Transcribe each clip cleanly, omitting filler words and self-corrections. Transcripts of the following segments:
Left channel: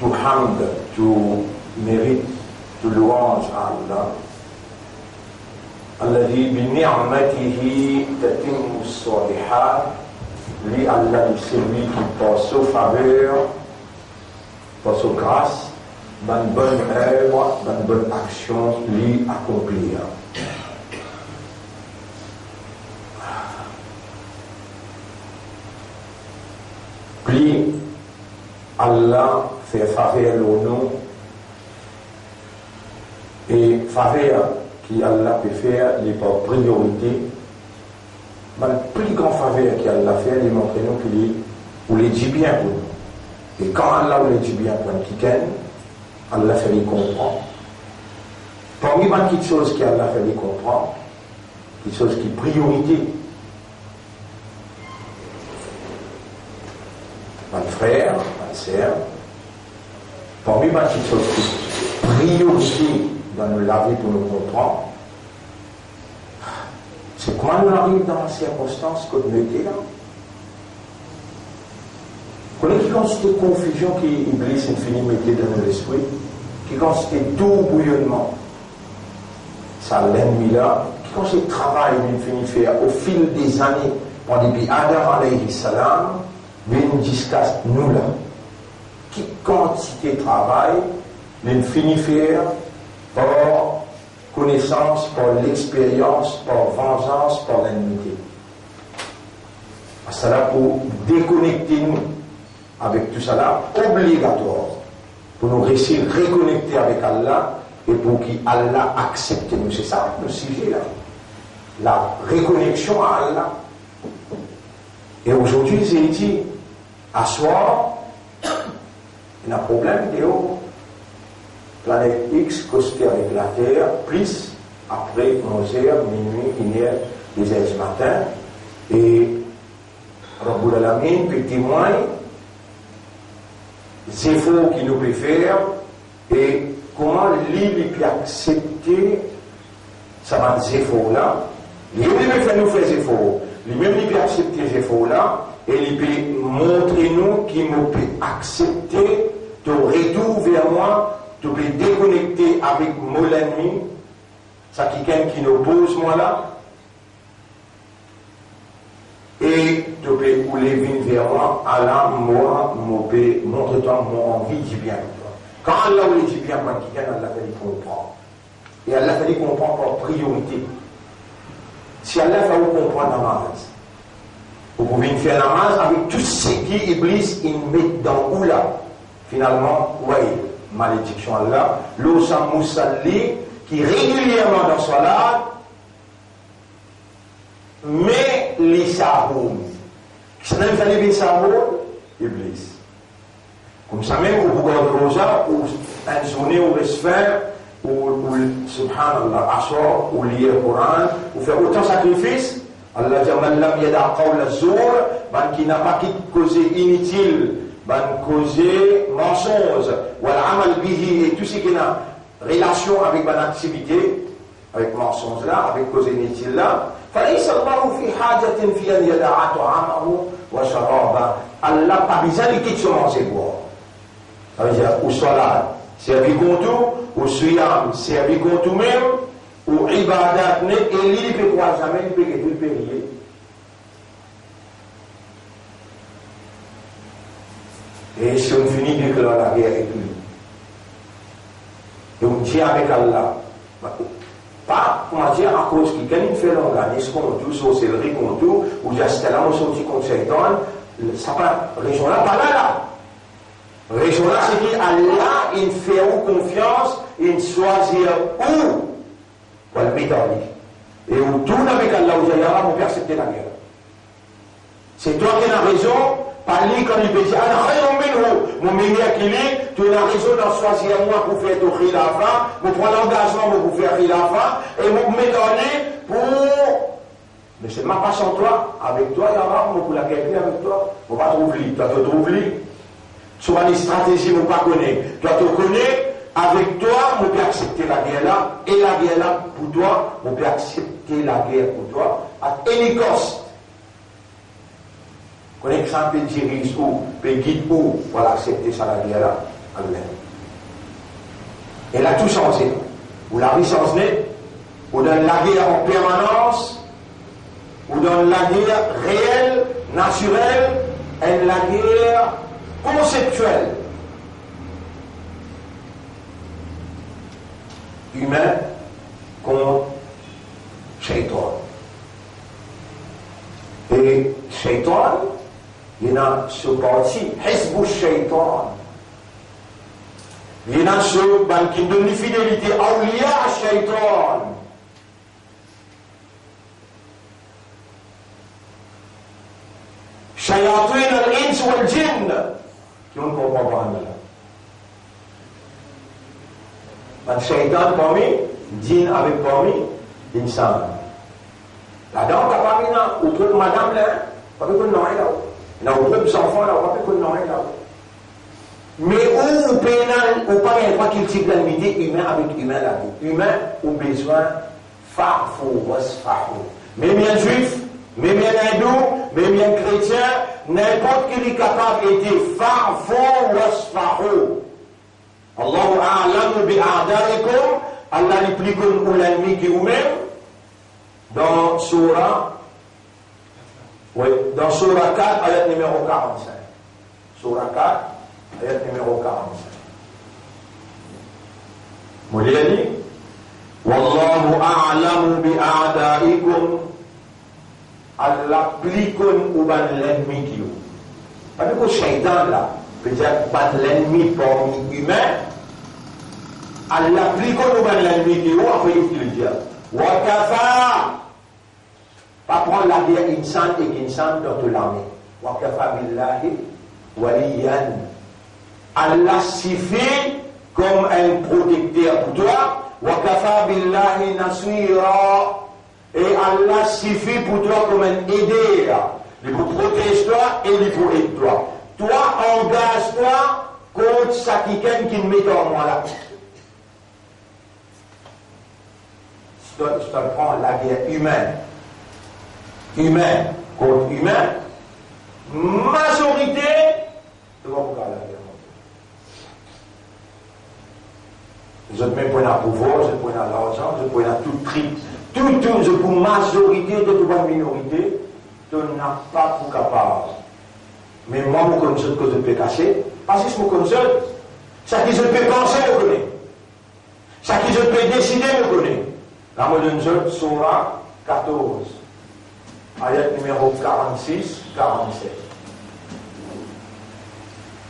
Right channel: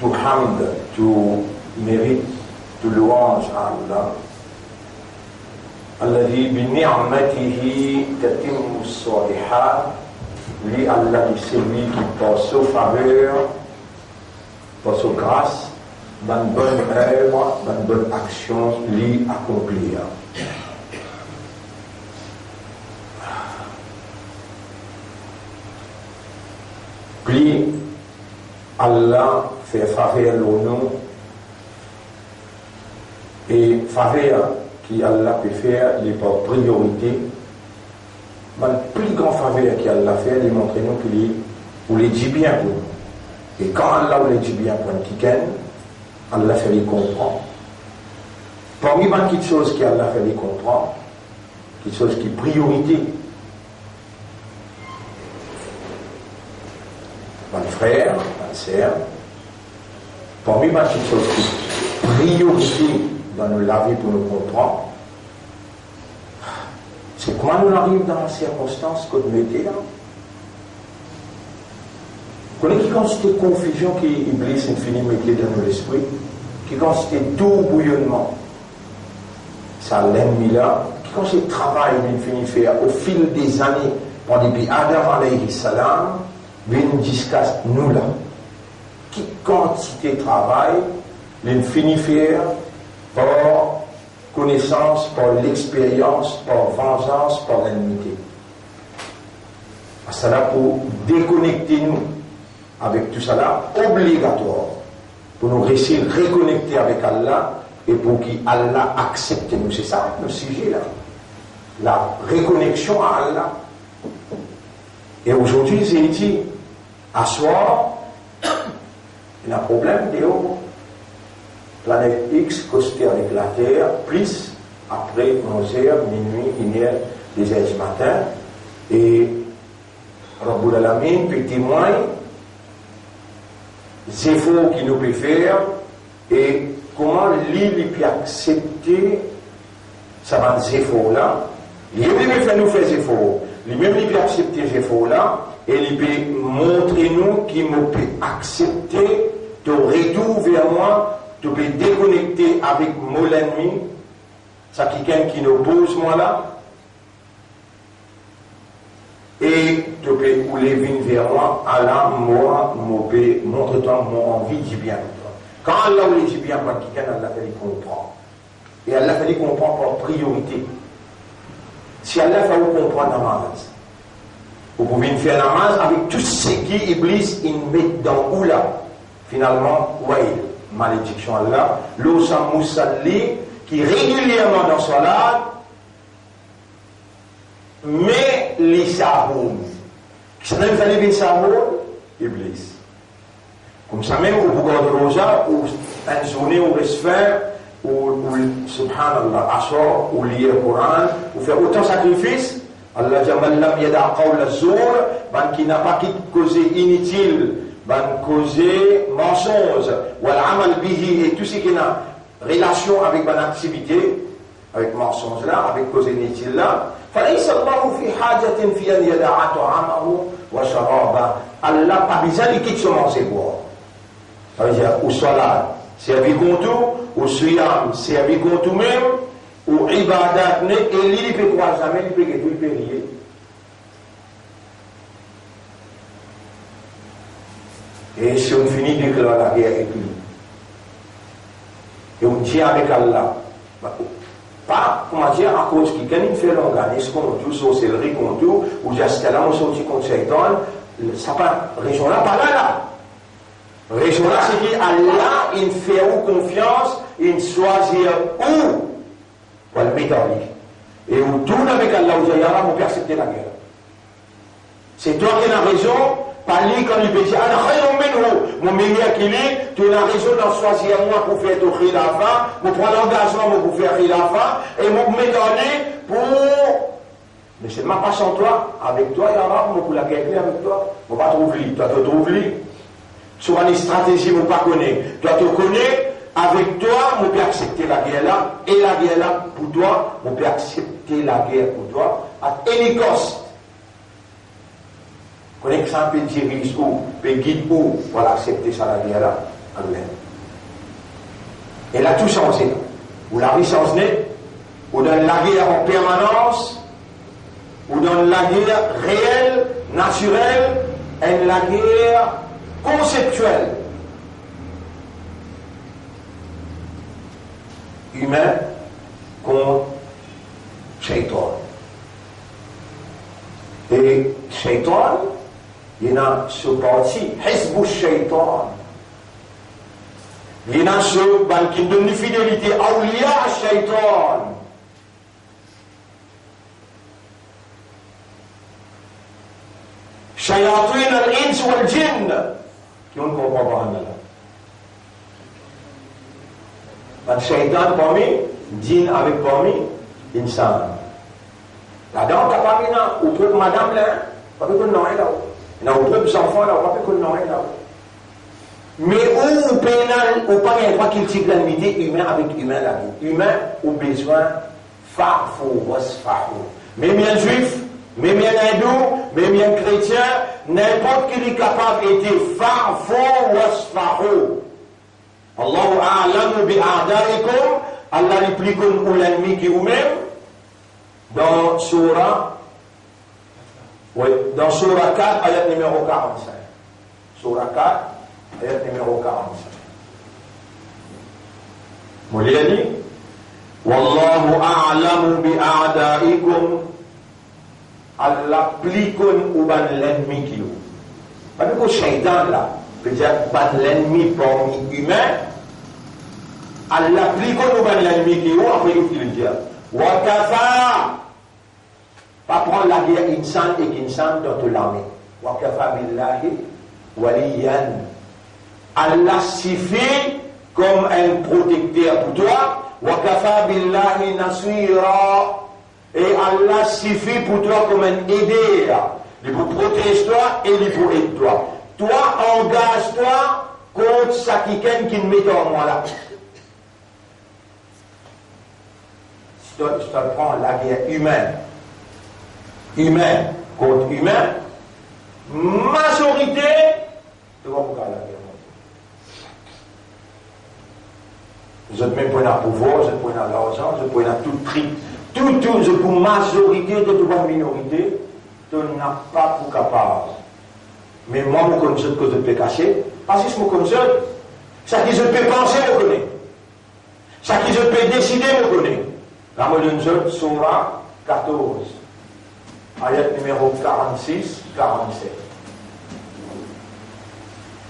tout hamd, tout mérite, tout louange à Allah. Alladhi bi ni'matihi tatimmu s-salihat. Lui, Allah, c'est lui qui passe aux faveurs, passe aux grâces, dans une bonne œuvre, dans une bonne action, lui accomplir. Puis, Allah fait faveur au nom, et faveur qui Allah peut faire, il est par priorité. Mais le plus grand faveur qu'Allah fait, il montre nous qu'il les dit bien pour nous. Et quand Allah les dit bien pour un petit ken, Allah fait les comprendre. Parmi les petites choses qu'Allah fait les comprendre, quelque chose qui est priorité. Mon frère, ma sœur, parmi les petites choses qui sont priorité dans nos vie pour nous comprendre, c'est comment nous arrivons dans la circonstance que nous mettons là. Vous connaissez qui consiste confusion qui Iblis infini mettait dans notre esprit, qui consiste tout bouillonnement. Ça l'ennemi là, qui consiste le travail d'infini faire au fil des années, depuis Adam alayhi salam, jusqu'à nous là. Qui quantité de travail l'infini faire par connaissance, par l'expérience, par vengeance, par l'ennemi. Ça là pour déconnecter nous avec tout ça là, obligatoire, pour nous réussir à reconnecter avec Allah et pour qu'Allah accepte nous. C'est ça le sujet là. La reconnexion à Allah. Et aujourd'hui, j'ai dit, à soir, il y a un problème de planète X costé avec la Terre, plus après 11h, minuit, 1h, 2h du matin, et Rabbul Alamin peut témoigner des efforts qu'il nous peut faire et comment lui peut accepter ces efforts-là. Lui-même peut nous faire des efforts, lui-même peut accepter ces efforts-là, et il peut montrer nous qu'il nous peut accepter de retour vers moi. Tu peux déconnecter avec mon ennemi, ça qui nous pose moi là, et tu peux rouler vers moi, Allah, moi, montre-toi mon envie du bien. Quand Allah voulait du bien, moi, quelqu'un, Allah fait comprendre. Et Allah fait comprendre par priorité. Si Allah fait comprendre namaz, vous pouvez faire namaz avec tout ce qui Iblis il met dans ou là, finalement, ouais. Malédiction Allah, l'Osam Moussalli qui régulièrement dans Salat, mais les Sahoum. Qui s'en fait les Sahoum? Iblis. Comme ça même, au Bougon de Rosa, ou un journée où reste faire, ou subhanallah, assoir, ou lire le Coran, ou faire autant de sacrifices, Allah Jamallam Yada Qawla Zour, qui n'a pas causé inutile. Causé mensonge, ou l'amal bihi, et tout ce qui a relation avec mon activité, avec mensonge là, avec cause inutile là. Allah pas besoin de quitter son manger boire. Ça veut dire, ou salat, servi contre tout, ou suyam, servi contre tout même, ou ibadat, et il peut croire jamais, il peut prier. Et si on finit de déclarer la guerre avec lui, et on tient avec Allah, pas, comment dire, à cause qu'il gagne fait l'organisme contre tout, sorcellerie contre tout, ou jusqu'à là, on sortit contre Shaitan, ça pas, région là, pas là. Région là, c'est dit, Allah, il fait confiance, il choisit où, pour le médaille. Et on tourne avec Allah, où il y aura, on peut accepter la guerre. C'est toi qui as raison. Pas lui comme il peut dire, mon meilleur qu'il est, tu as raison d'en choisir moi pour faire ton khilafa, pour prendre l'engagement pour faire khilafa, et pour me donner pour. Mais c'est ma passion toi, avec toi, il y aura, pour la guerre avec toi, on va trouver, toi te trouver. Souvent les stratégies, on ne pas connaître. Toi te connais, avec toi, on peut accepter la guerre là, et la guerre là, pour toi, on peut accepter la guerre pour toi, à any cost. Connaît que ça peut dirige où, peut guider où, pour accepter ça la guerre là. Allah. Elle a tout changé. Ou la vie change, ou dans la guerre en permanence, ou dans la guerre réelle, naturelle, et la guerre conceptuelle. Humain contre Shaitan. Et Shaitan, il y a ce parti, Hizbu Shaitan. Il y a ceux qui donnent une fidélité à Awliya Shaitan. Shayatin al-Ins wal-Jinn. Qui on ne comprend pas. Donc, Shaitan parmi, Jinn avec parmi, Insan. La dame qui a parlé là, ou pour madame là, pas que nous n'avons là. Il y a des enfants là, pas que nous n'avons là. Mais où pénal, ou pas qu'il type l'amitié humain avec humain la vie. Humain, ou besoin, farfou, wasfarou. Même un juif, même un hindou, même un chrétien, n'importe qui est capable d'être farfou, wasfarou. Allahu a'lamu bi'a'daikum, Allah l'explique pour l'ennemi qui est vous-même. Dans Surah 4, ayat numéro 45. Surah 4, ayat numéro 45. Mouliani, Wallahu a'lamu bi'a'daikum, Allah explique pour l'ennemi qui est vous. Parce que le shaitan là, peut-être pas l'ennemi parmi humains, Allah explique pour l'ennemi qui est vous, après il faut le dire. Wakafa, pas prendre la guerre insan et kinsan dans toute l'armée. Wakafa billahi waliyan. Allah suffit comme un protecteur pour toi. Wakafa billahi nasira. Et Allah suffit pour toi comme un aideur. Il faut protéger toi et il faut aider toi. Toi, engage-toi contre ça qui ne met en moi là. Je te prends la guerre humaine contre humain, majorité, je vais vous faire la guerre. Je ne prends pas le pouvoir, je ne prends pas l'argent, je ne prends pas tout prix. Tout, je pour majorité de toute minorité, tu n'as pas pour capable. Mais moi, je connais ce que je peux cacher, parce que je me connais. Ce que je peux penser, je connais. Ce que je peux décider, je connais. La moderne Surah 14, ayat numéro 46, 47.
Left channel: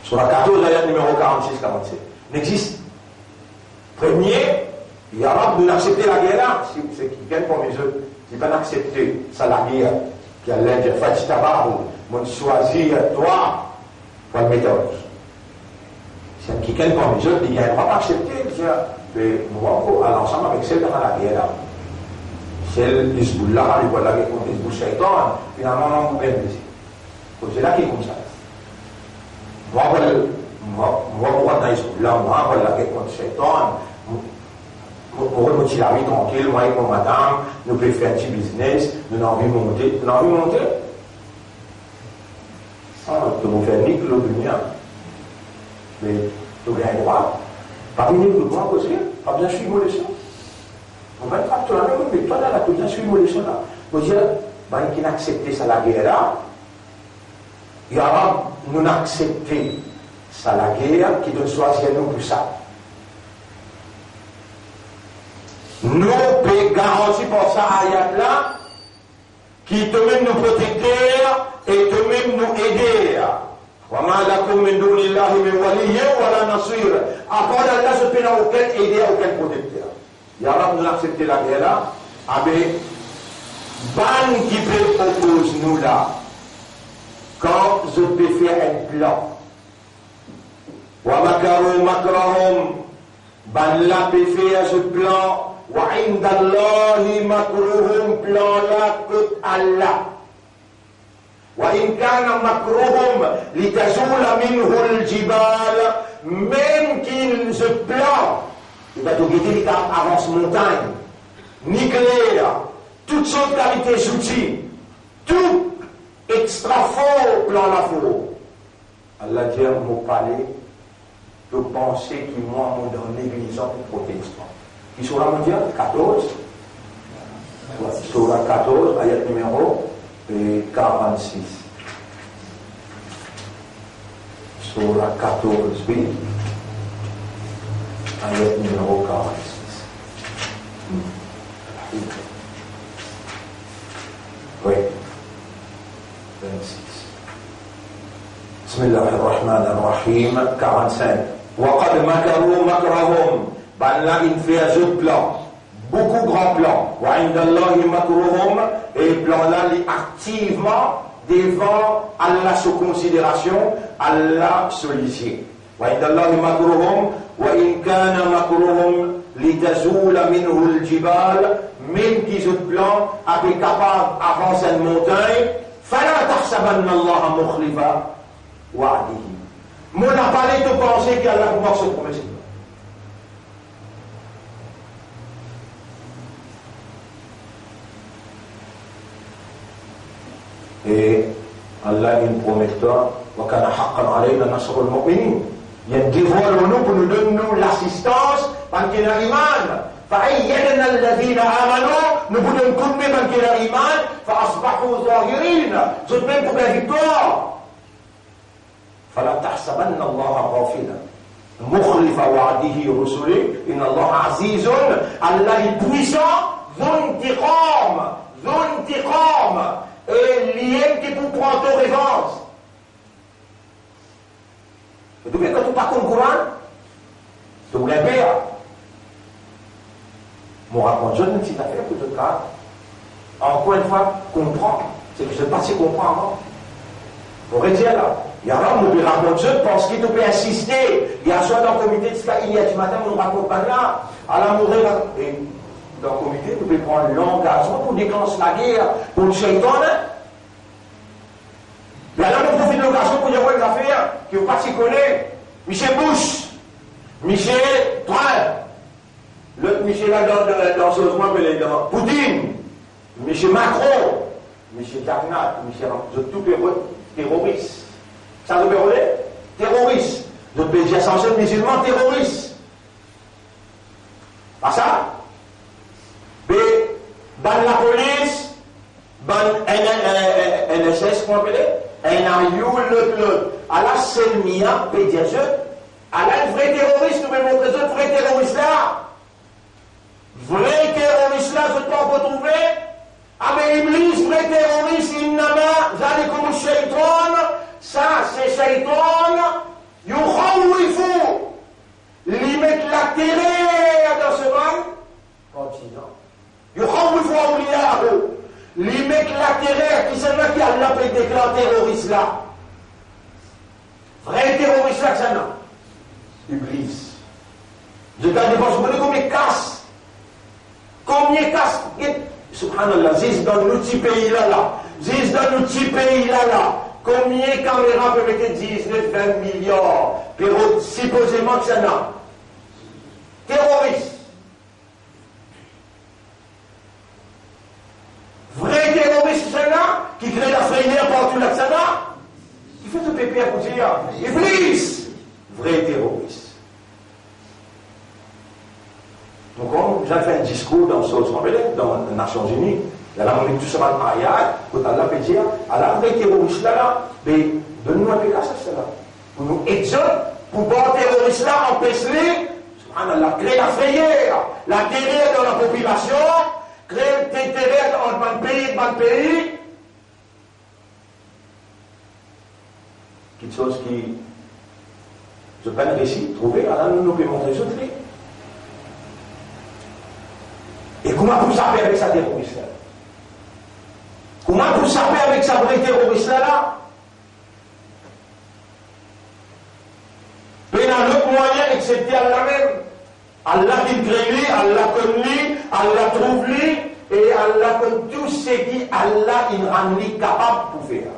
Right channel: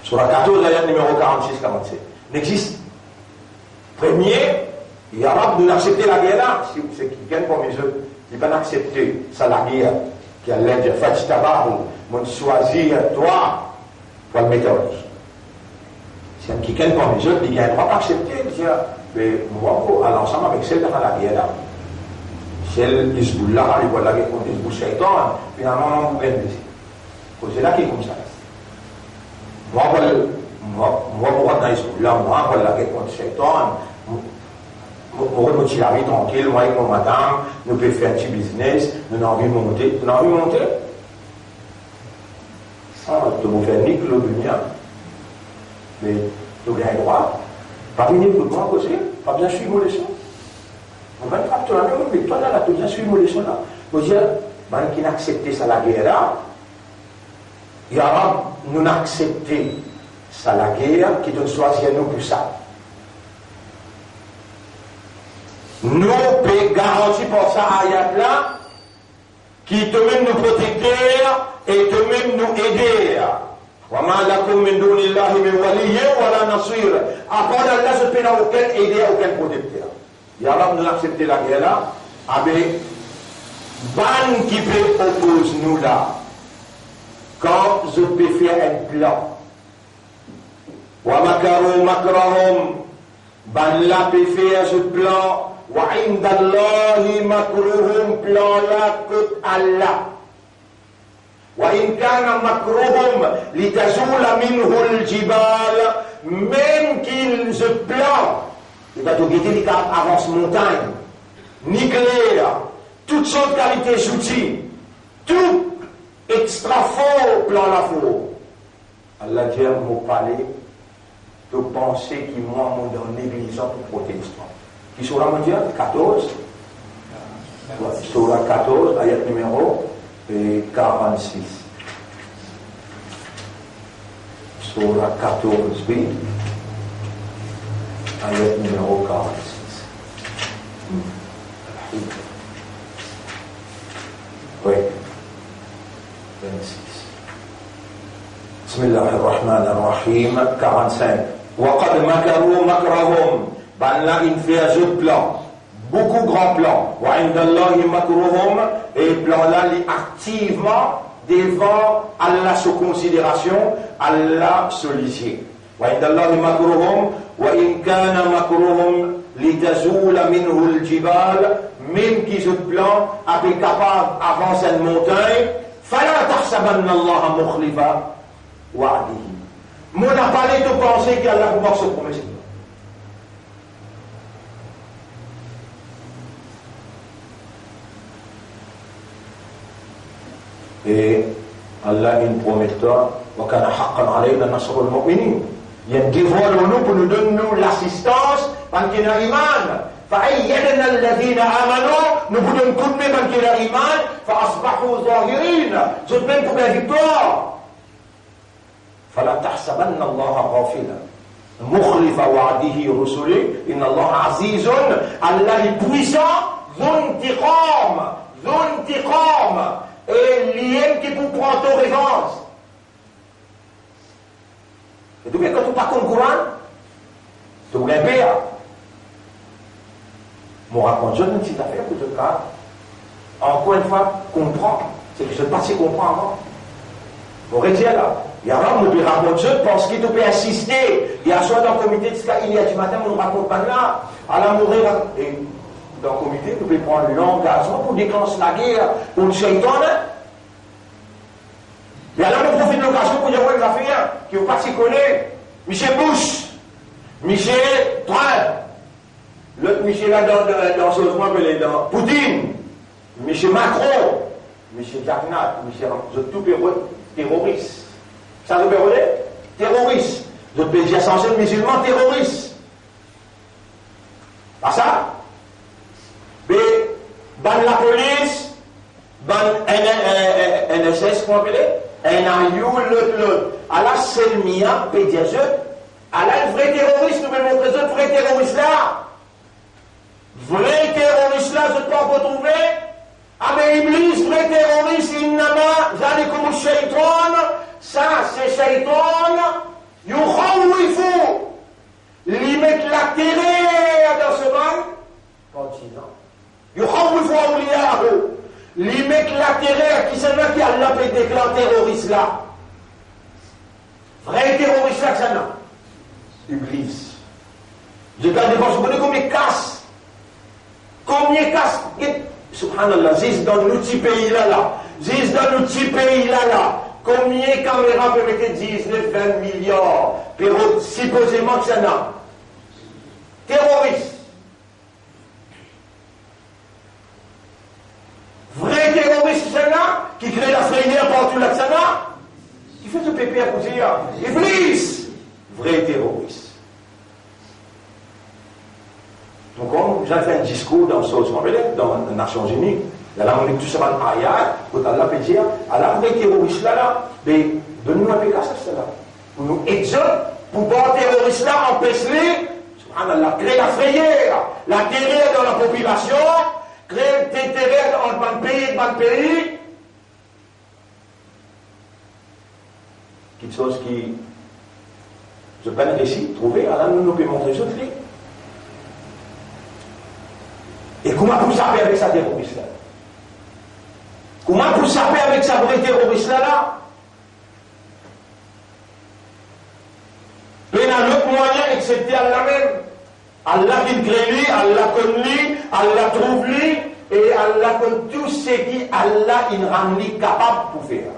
Surah 14, ayat numéro 46, 47. N'existe. Premier, il y a pas de l'accepter la guerre là. Si c'est qui gagne pour mes œufs, il ne peut pas accepter ça la guerre. Qui a l'air de faire du tabac ou de choisir toi pour le mettre en rouge. Si qui gagne pour mes œufs, il ne peut pas accepter. Mais moi, à l'ensemble avec celle de la guerre là. Celle d'Isboullah, il voit la guerre contre Isboul Shaitan, finalement, on va blesser. C'est là qui est comme ça. Moi, on va dans Isboullah, moi, on va la guerre contre Shaitan. On va nous la vie tranquille, moi et mon madame, nous pouvons faire un petit business, nous avons envie de monter. Nous avons envie de monter. Ça, de vous faire nique le dunia. Mais tu as un droit. Pas venir tout le monde aussi, pas bien suivre les choses. On va être apte à la même, mais toi là, tu as bien suivre les choses là. Vous dire, qui n'a accepté ça la guerre là, il y aura, nous n'a accepté ça la guerre, qui doit choisir nous pour ça. Nous pouvons garantir pour ça ayat là, qui te même nous protéger et te même nous aider. وَمَا لَكُمْ مِنْ دُونِ اللَّهِ مِنْ وَلِيٍّ وَلَا نَصِيرٍ. Après Allah, je ne peux aucun aider, aucun protecteur. Ya Rab nous accepter la guerre là, avec ban qui peut opposer nous là. Quand je peux faire un plan, وَمَكَرُوا مَكْرَهُمْ, ban là peut faire ce plan, وَعِنْدَ اللَّهِ مَكْرُهُمْ, plan là que Allah. وإن كان مكرهم لتزول منه الجبال, même qu'il se plante, il va tout guetter, il avance montagne, nucléaire, toutes sortes de qualités outils, tout extra fort plan la faux. Allah dit, vous parlez, de penser qui moi m'ont dans l'église pour protestant. Qui sont là, mon Dieu, 14. Surah 14, ayat numéro 46. Surah 14, B, ayat numéro 46. Oui. 26. Bismillahirrahmanirrahim. 45. وَقَدْ مَكَرُوا مَكْرَهُمْ. Ben là, il fait un autre plan. Beaucoup grand plan. وَعِنْدَ اللَّهِ مَكْرُهُمْ. Et plan là, il est activement devant Allah sous considération, Allah sollicite. وَعِنْدَ اللَّهِ مَكْرُهُمْ وَإِنْ كَانَ مَكْرُهُمْ لِتَزُولَ مِنْهُ الْجِبَالِ. Même qu'ils ont plan, avec capable d'avancer une montagne, فَلَا تَحْسَبَنَّ اللَّهَ مُخْلِفَ وَعْدِهِ. Mon n'a pas l'air de penser qu'Allah va se promettre. Et Allah il promettra وَكَانَ حَقًّا عَلَيْنَا نَصْرُ الْمُؤْمِنِينَ. Il y a un devoir de nous pour nous donner l'assistance parce qu'il y a iman. فَأَيَّدْنَا الَّذِينَ آمَنُوا. Nous pouvons couper parce qu'il y a iman. فَأَصْبَحُوا ظَاهِرِينَ. C'est même pour la victoire. فَلَا تَحْسَبَنَّ اللَّهَ غَافِلًا مُخْلِفَ وَعْدِهِ رُسُلِهِ إِنَّ اللَّهَ عَزِيزٌ. Allah est puissant, ذو انتقام. Et l'IM qui vous prend ton revanche. Et tu veux que tu parles comme Coran? Tu voulais pire. Mon raconte, je ne sais pas faire que tu cas. Encore une fois, comprends. C'est que je ne sais pas si comprends encore. Vous voyez là. Il y a un homme qui raconte, je pense qu'il peut assister. Il y a soit dans le comité de ce il y a du matin, on ne raconte pas là. À la mourir, et dans le comité, vous pouvez prendre l'engagement pour déclencher la guerre, pour le shaitan. Et alors, on profite de l'occasion pour dire une affaire qui n'est pas si connue. Michel Bush, Michel Trump, l'autre Michel là dans ce moment, il est dans Poutine, Michel Macron, Michel Jagnat, Michel tout terroriste. Ça veut dire terroriste. Le pays est censé être musulman terroriste. Pas ça? Mais, dans la police, dans NSS, comment on appelle? NIU, l'autre. Alors, c'est le mien, pédiateur. Alors, le vrai terroriste, nous mettons le vrai terroriste là. Vrai terroriste là, je peux en retrouver. Ah, mais Iblis, vrai terroriste, il n'a pas, vous allez comme shaitan. Ça, c'est shaitan. Yukhawwifu. Lui mettre la terreur dans ce monde. Continent. Yukhawwifu awliyahu. Lui mettre la terreur qui c'est là qui a l'appelé déclare terroriste là. Vrai terroriste là que ça n'a. Iblis. Je garde devant, je connais combien de casse. Combien de casse. Subhanallah, zis dans nos petits pays là. Zis dans nos petits pays là. Combien de caméras peuvent mettre 19, 20 milliards. Puis supposément que ça n'a. Terroriste. Vrai terroriste, ça n'a. Qui crée la frayeur partout là que ça n'a. Qui fait ce pépé à côté là. Iblis. Vrai terroriste. Donc, quand j'ai fait un discours dans les Nations Unies, il y a là, on est tout ça dans l'ayat, quand Allah peut dire, Allah, les terroristes là, mais donne-nous un peu ça, là. Pour nous exhorter, pour voir les terroristes là, empêcher, subhanallah, créer la frayeur, la terreur dans la population, créer des terreurs dans le pays, quelque chose qui, je peux pas réussir, trouver, Allah nous peut montrer ce truc. Et comment vous savez avec sa terroriste là? Comment vous savez avec sa vraie terroriste là? Il y a un autre moyen excepté Allah même. Allah qui crée lui, Allah connaît lui, Allah trouve lui, et Allah connaît tout ce qui Allah il rend lui capable pour faire.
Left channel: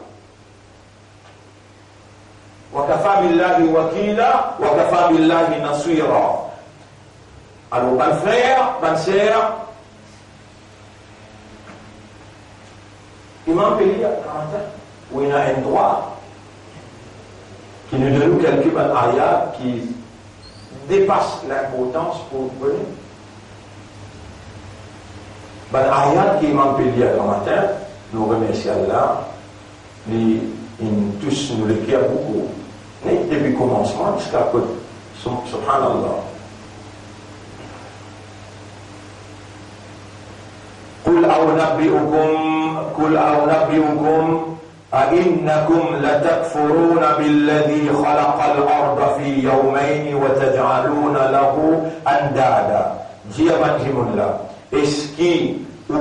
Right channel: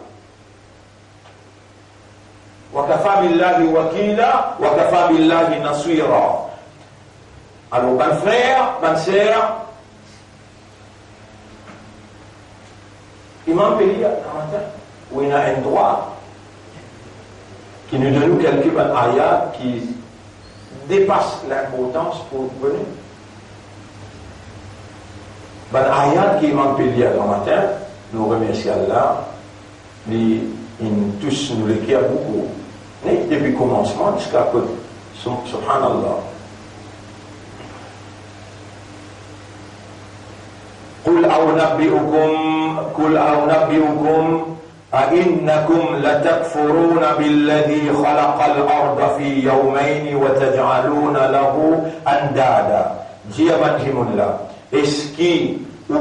وَكَفَى بِاللَّهِ وَكِيلًا وَكَفَى بِاللَّهِ نَصِيرًا. Alors, mon frère, ma sœur, Imam Pélia, où il y a un droit qui nous donne quelques ayats qui dépasse l'importance pour venir. Ben, ayat qui m'a payé le matin, nous remercions Allah, tous nous l'écrivent beaucoup. Mais depuis le commencement jusqu'à que, subhanallah. قل أو نبئكم أئنكم لتكفرون بالذي خلق الأرض في يومين وتجعلون له أندادا. Dis là, est-ce que vous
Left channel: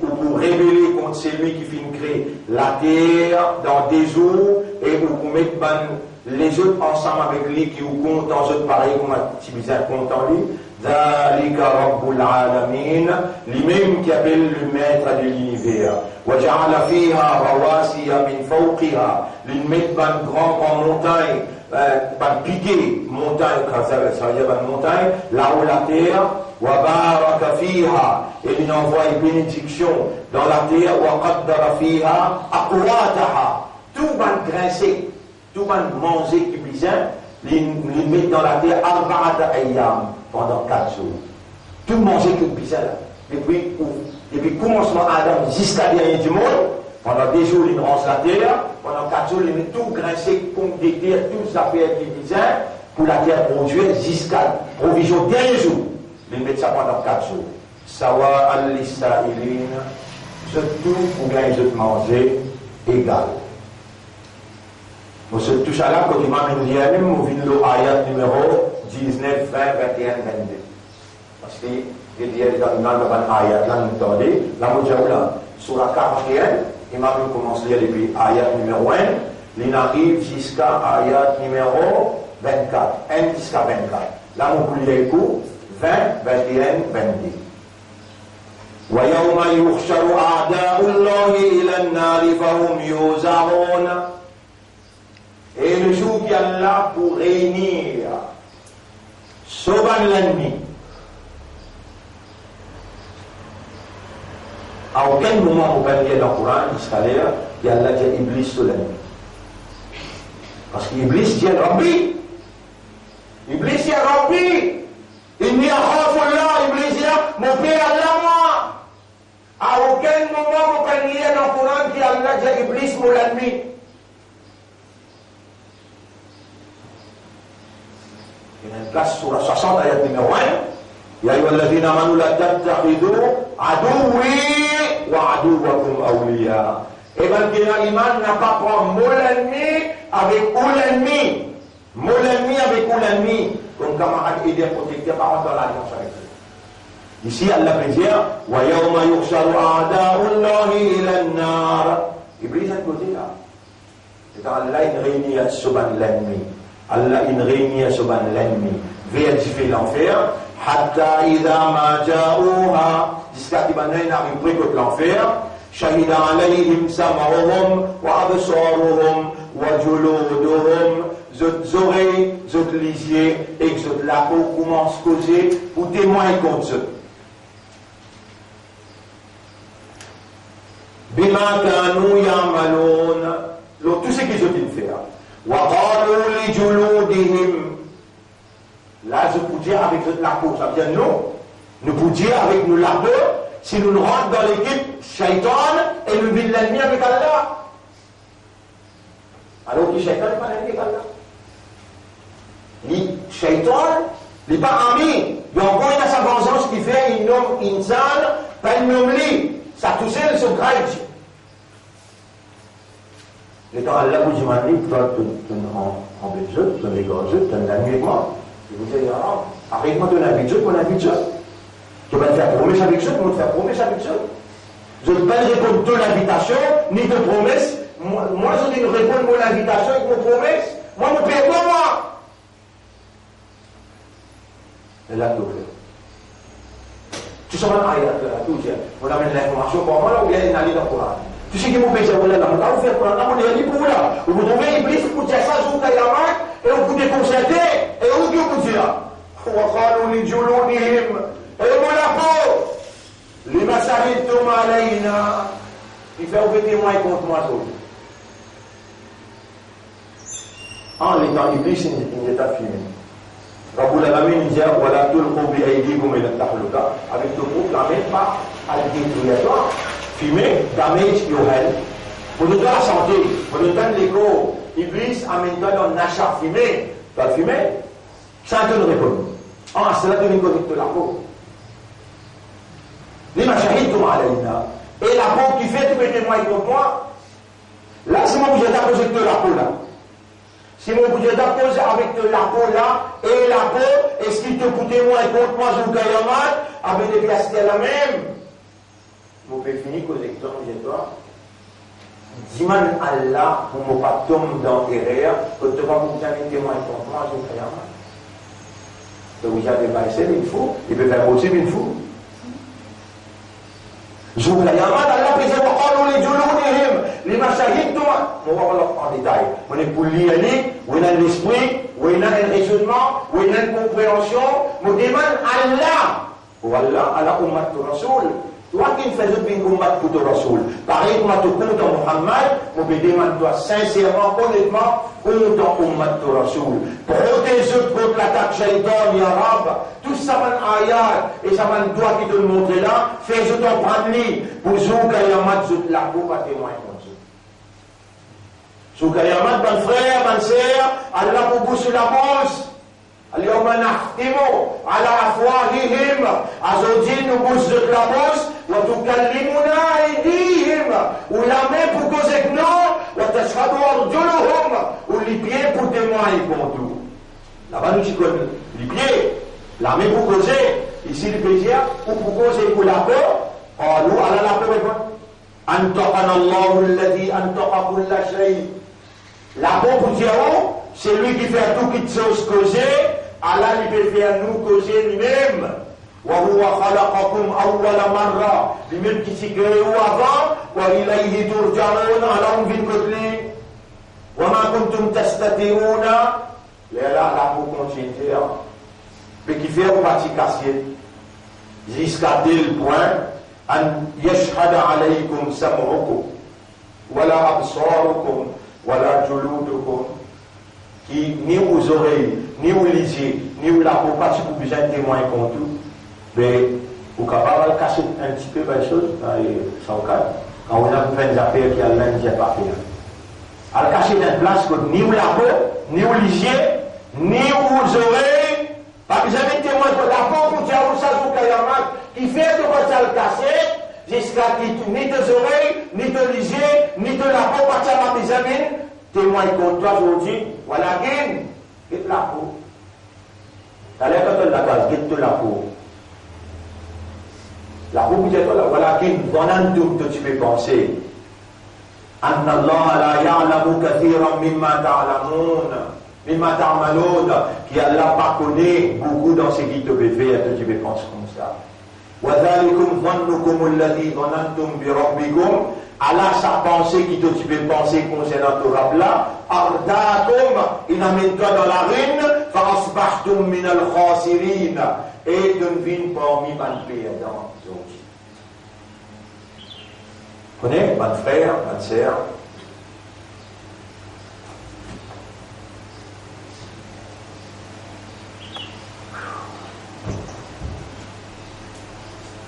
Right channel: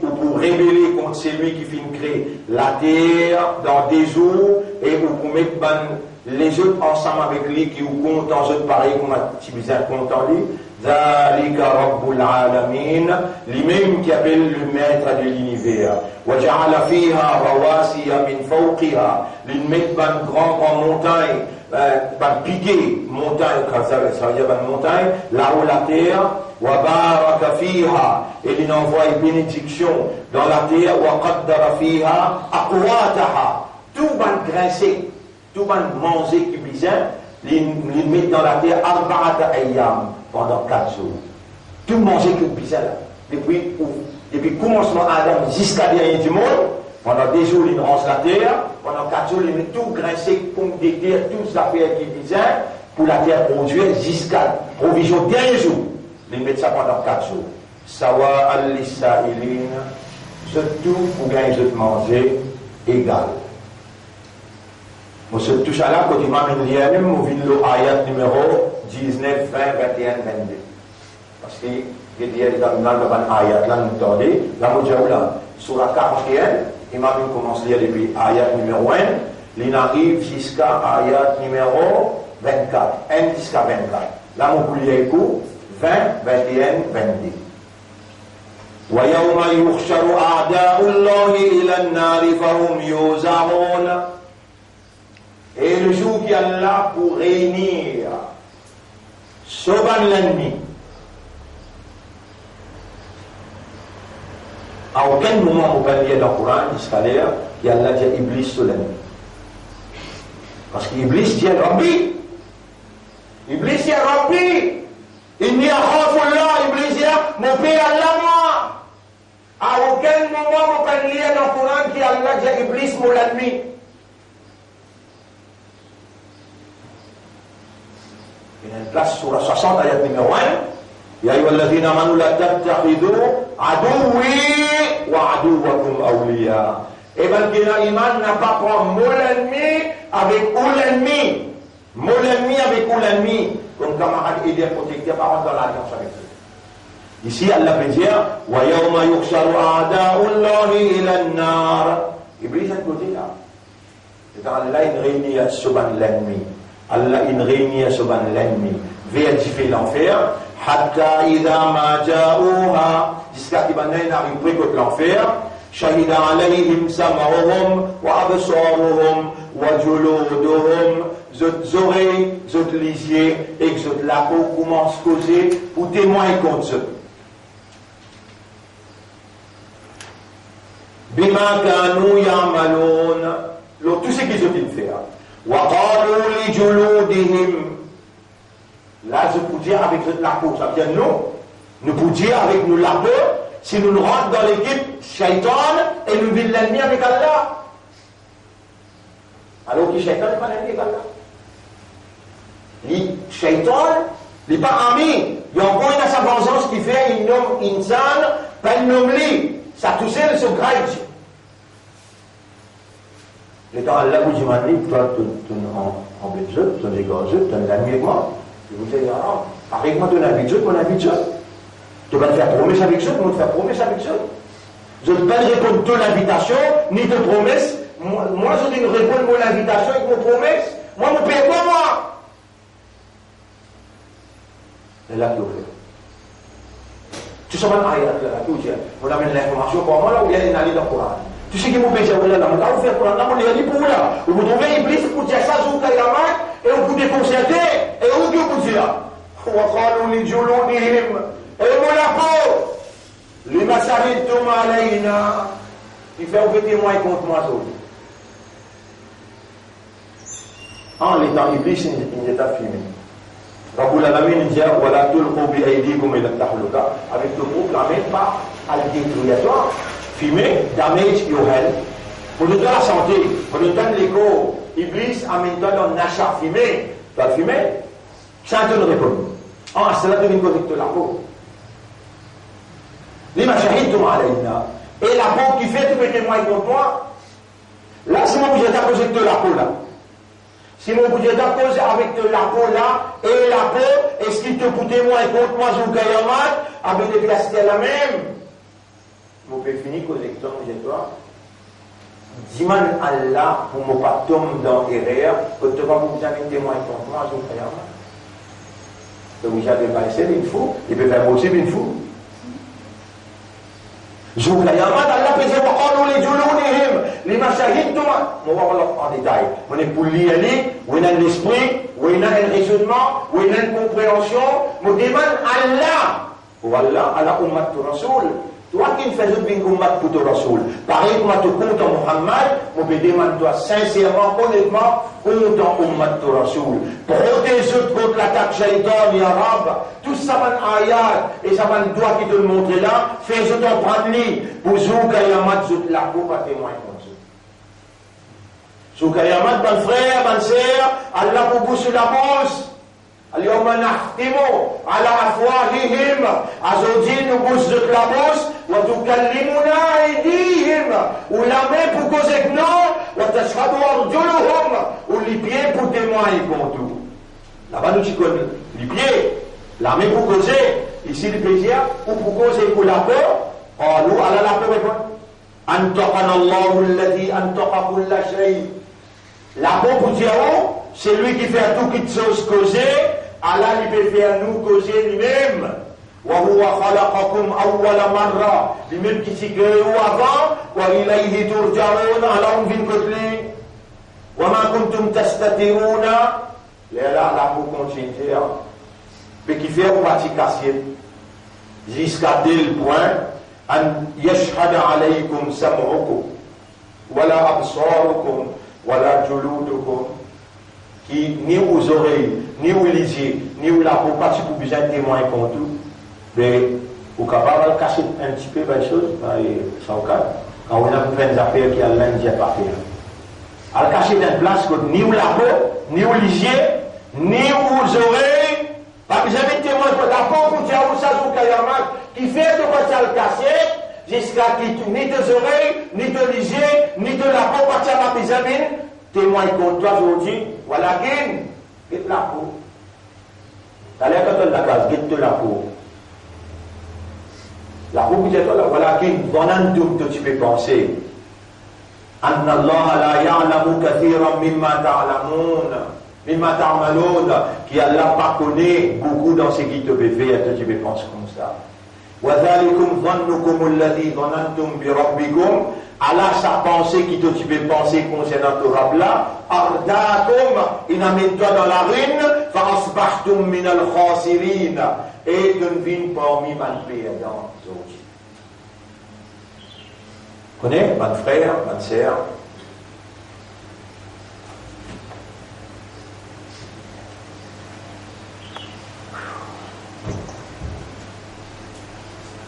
pour révéler contre celui qui finit créer la terre dans des jours et vous mettez les autres ensemble avec lui qui vous comptent dans autres pareil comme un petit bizarre content lui. ذلك رب العالمين lui-même qui appelle le maître de l'univers وجعل فيها رواسي من فوقها lui met ban grand montagne ban piqué montagne ça veut dire ban montagne là-haut la terre وبارك فيها et il envoie une bénédiction dans la terre وقدر فيها أقواتها tout ban grincé tout ban manger qui bizarre il met dans la terre arba'ata ayyam pendant 4 jours. Tout manger que bizarre. Depuis le commencement Adam jusqu'à la dernière du monde, pendant des jours, il ronce la terre, pendant 4 jours, il met tout grincé, pompe des terres, tout ça fait qui est bizarre, pour la terre produire jusqu'à provision dernier jour. Il met ça pendant 4 jours. Sawa al-Lisa'ilin, surtout pour gagner de manger égal. On se touche à là, quand il m'a mis l'IAM, on vient le ayat numéro 19, 20, 21, 22. Parce que il y a des ayats là, nous attendez, là, nous disons là, sur la 41, il m'a commencé à lire depuis ayat numéro 1, il arrive jusqu'à ayat numéro 24, 1 jusqu'à 24. Là, on peut lire le coup, 20, 21, 22. ويوم يحشر أعداء الله إلى النار فهم يوزعون. Et le jour qui est là pour réunir sauver l'ennemi. À aucun moment on peut lire dans le Coran jusqu'à l'heure, il y a là dit Iblis sur l'ennemi. Parce qu'Iblis dit Rabbi. Iblis dit Rabbi. Il n'y a pas là, Iblis dit mon père Allah moi. À aucun moment on peut lire dans le Coran qui a là dit Iblis mon ennemi. Place sur la 60 ayat numéro 1 يا أيها الذين آمنوا لا تتخذوا عدوي وعدوكم أولياء. Et bien l'iman n'a pas pris mon ennemi avec l'ennemi. Mon ennemi avec l'ennemi. Comme camarade aidé protecteur par dans l'alliance avec eux. Ici Allah peut dire ويوم يحشر أعداء الله إلى النار. Iblis est côté là. C'est dans Allah une réunion sur l'ennemi. Allah une réunion sur l'ennemi vers édifier l'enfer hatta idha ma ja'uha jusqu'à qu'il n'arrive plus que l'enfer shahida alayhim sam'uhum wa absaruhum wa juluduhum zot oreilles zot lisiers et zot la peau commence à causer pour témoigner contre eux bima kanu ya'malun tout ce qu'ils ont fait faire وقالوا لجلودهم. Là, je peux dire avec la peau, ça veut dire non. Nous pouvons dire avec nous la peau, si nous rentrons dans l'équipe shaitan et nous vivons l'ennemi avec Allah. Alors que shaitan n'est pas l'ennemi avec Allah. Le shaitan n'est pas ami. Il y a encore une sa vengeance qui fait un homme insan, pas un homme li. Ça touche le son grade. Et quand Allah vous dit, toi, tu en Belgique, tu es égorgé, tu es un ami avec moi. Et vous dites, avec moi, tu es un ami de Dieu, mon ami de Dieu. Tu vas te faire promesse avec Dieu, tu vas te faire promesse avec Dieu. Je ne peux pas répondre ton invitation, ni de promesse. Moi, je dis répondre mon invitation avec mon promesse. Moi, je ne paye pas moi. C'est là qu'il fait. Tu sais, on amène l'information pour moi, là où il y a une allée dans le Coran. Tu sais que vous pensez, vous faites pour la pour là. Vous trouvez Iblis pour dire ça, vous avez la main, et vous déconcertez, et vous vous dites, وقالوا لجلودهم et mon peau, les masaritum alayna, il fait un témoin contre moi. En l'état Iblis, il n'est pas fini. Rabbul Alamin dit voilà tout le groupe comme il a avec le groupe l'amène pas à la détruire. Fumer, damage your health. Pour nous donner la santé, pour nous donner l'écho, Iblis amène-toi dans le achat fumé. Tu vas fumer, ça te répond. Ah, c'est là que nous connectons la peau. Les machahid et la peau qui fait, tu peux témoigner contre moi. Là, c'est mon budget à poser de la peau là. Si mon budget à poser avec de la peau là, et la peau, est-ce qu'il te peut témoigner contre moi, je vous gagne avec les pièces la même? Vous pouvez finir cause de toi. Dis-moi Allah, vous ne pas tomber dans l'erreur, que tu vas vous jamais témoigner contre moi, je vous gagne donc vous avez pas essayé une fois, il peut faire aussi une fois. Je vous gagne Allah peut dire oh nous les joulons les machahid toi. On va voir en détail. On est pour lire, on a l'esprit, on a un raisonnement, on a une compréhension. On demande Allah. Ou Allah, Allah ummat Rasoul. Toi qui ne fais pas ummat pour ton Rasoul. Pareil, on te compte en Muhammad, on peut demander toi sincèrement, honnêtement, compte en ummat Rasoul. Protège contre l'attaque shaitan, ya Rab. Tout ça va ayat, et ça va doigt qui te le montrer là, fais-je t'en prendre li, pour Zouka Yamat, Zout la peau, pas témoin comme ça. Zouka Yamat, bon frère, bonne sœur, Allah pour vous sur la bouche. اليوم نختم على أفواههم عزوجين نبوس de la bouche وتكلمنا أيديهم ولا main pour causer que non وتشهد أرجلهم ou les pieds pour témoigner pour tout. Là-bas nous disons les pieds, la main pour causer, ici le plaisir ou pour causer pour la peur. قالوا على la peur répond أنطقنا الله الذي أنطق كل شيء. La peau pour dire c'est lui qui fait tout qui te chose causer. Allah il peut faire nous causer lui-même. وهو خلقكم أول مرة lui-même qui s'est créé avant وإليه ترجعون على أنفين كتلي وما كنتم تستترون là pour continuer mais qui fait une partie cassée jusqu'à tel point أن يشهد عليكم سمعكم ولا أبصاركم ولا جلودكم qui ni aux oreilles, ni aux yeux, ni aux la peau, pas si vous besoin de témoigner contre tout, mais vous êtes capable de cacher un petit peu les choses, sans cas, quand on a fait des affaires qui a l'un qui n'est pas fait. À cacher dans une place que ni aux la peau, ni aux yeux, ni aux oreilles, pas besoin de témoigner contre la peau pour dire où ça joue qui fait de quoi ça le casser, jusqu'à qui ni tes oreilles, ni tes yeux, ni de la peau, pas ça besoin témoigne contre toi aujourd'hui, voilà qu'il quitte la peau. T'as l'air quand tu la case, quitte la peau. La peau, vous êtes là, voilà qu'il donne tout que tu peux penser. أن الله لا يعلم كثيرا مما تعلمون مما تعملون qui Allah pas connaît beaucoup dans ce qui te fait faire, tu peux penser comme ça. وذلكم ظنكم الذي ظننتم بربكم Allah sa pensée qui te tu peux penser concernant ton rab là ardatum il amène toi dans la ruine فأصبحتم من الخاسرين et deviens parmi les perdants. Connais, mon frère, ma sœur.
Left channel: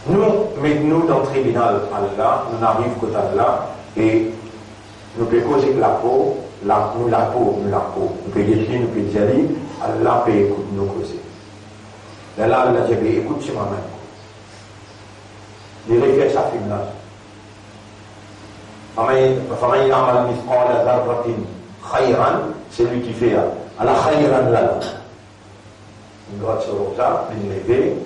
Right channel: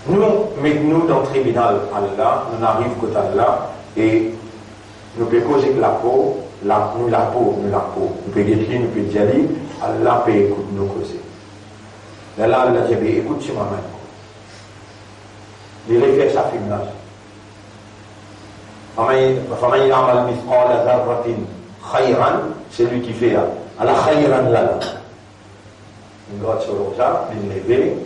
Nous, mettons-nous dans le tribunal Allah, nous arrivons côté Allah, et nous pouvons causer que la peau. Nous pouvons dire, nous pouvons dire, Allah peut écouter nous causer. Là, Allah dit, écoute, tu m'amènes. Les réflexes affirment. فَمَنْ يَعْمَلْ مِثْقَالَ ذَرَّةٍ خَيْرًا, c'est lui qui fait Allah khayran là. Il doit se lever,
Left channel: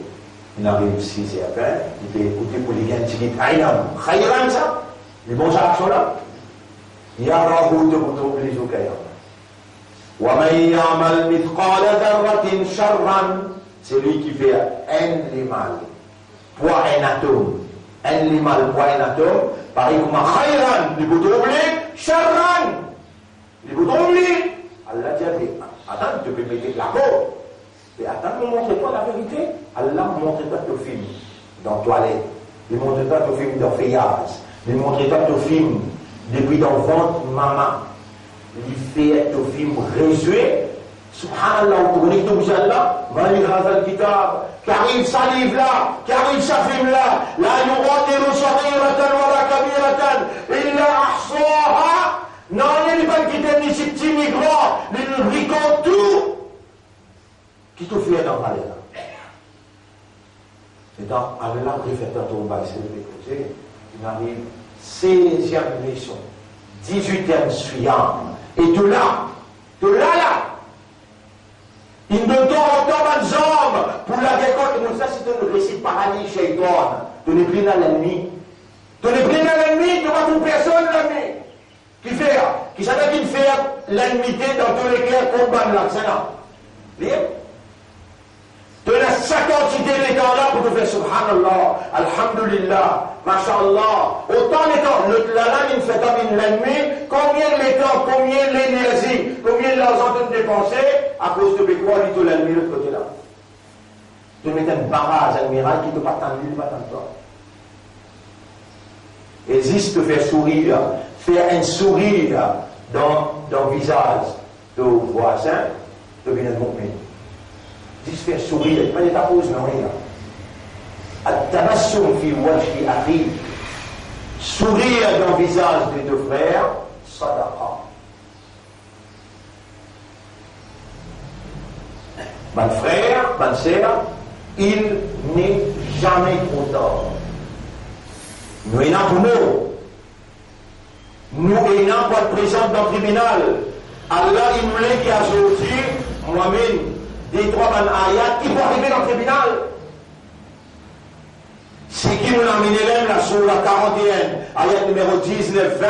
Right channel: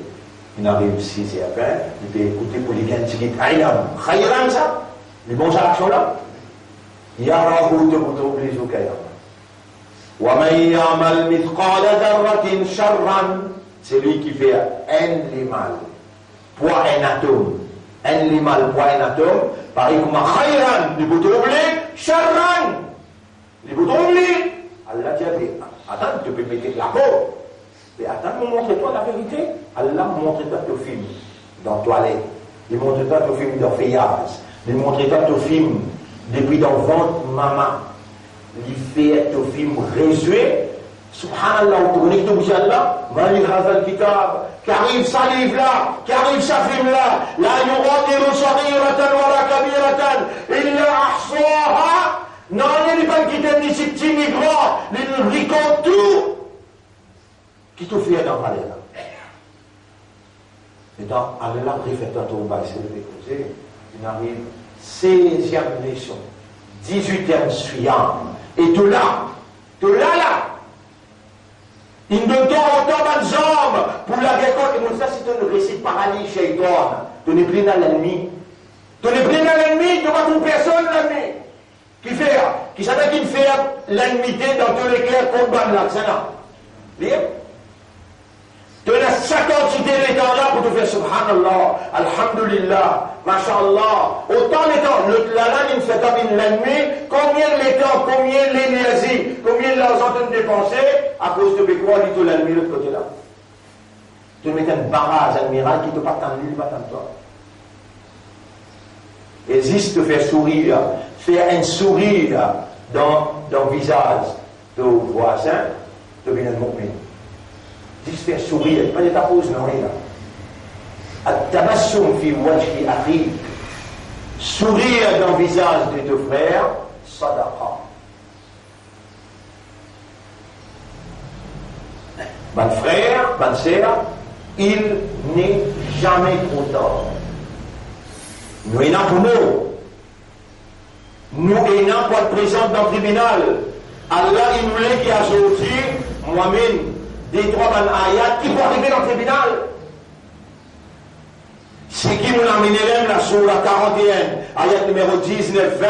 il arrive 6 et après, il peut écouter pour les gens qui disent khayran ça, les bons actions là. يَرَهُ تَبُتُوا بِلِزُكَيَا وَمَنْ يَعْمَلْ مِثْقَالَ ذَرَّةٍ شَرًّا, c'est lui qui fait un mal, poids un atome. Un limal poids un atome, pareil comme un khayran, il peut troubler, sharran, il peut troubler. Allah dit, attends, tu peux mettre la peau. Et attends, montre-toi la vérité. Allah montre-toi ton film dans la toilette. Il montre-toi ton film dans le feuillage. Il montre-toi ton film depuis dans le ventre maman. Il fait ton film résumé Subhanallah, vous connaissez tout Allah, Mali Hazal Kitab, qu'arrive sa livre-là, qu'arrive sa film-là, la yuradiru saghiratan wa la kabiratan, illa ahsaha, non, il n'y a pas de quitter ni si petit ni grand, il bricole tout, qui tout fait dans la là. Et dans Allah, il fait un tour, c'est de l'écouter, il arrive 16e leçon, 18e suivant, et tout là, il ne doit autant de jambes pour la récolte. Et ça, c'est un récit paralysie chez toi. Tu n'es plus dans l'ennemi. Tu n'es plus dans l'ennemi, tu ne vois plus personne l'ennemi. Qui fait? Qui savait qu'il fait l'ennemi dans tous les cas combat là, c'est là. Libre? Tu as 50 idées les temps là pour te faire subhanallah, alhamdulillah, mashallah. Autant les temps, la langue il fait comme l'ennemi, combien les temps, combien l'énergie, combien l'argent tu dépensé à cause de quoi il te l'ennemi de l'autre côté là. Tu mets un barrage admiral qui te pas tant lui, pas tant toi. Existe te faire sourire, faire un sourire dans le visage de voisin, devient un mu'min. Juste faire sourire, pas d'état pause, non, rien. At-tabassum fi wajhi akhi, sourire dans le visage des deux frères, sadaqa. Mon frère, ma sœur, il n'est jamais trop tard. Nous ayons pour nous ayons pour être présents dans le tribunal. Allah, il nous l'a dit à sortir, moi-même, des trois ayats qui vont arriver dans le tribunal. C'est qui nous l'a amené là sur la 41, ayat numéro 19, 20,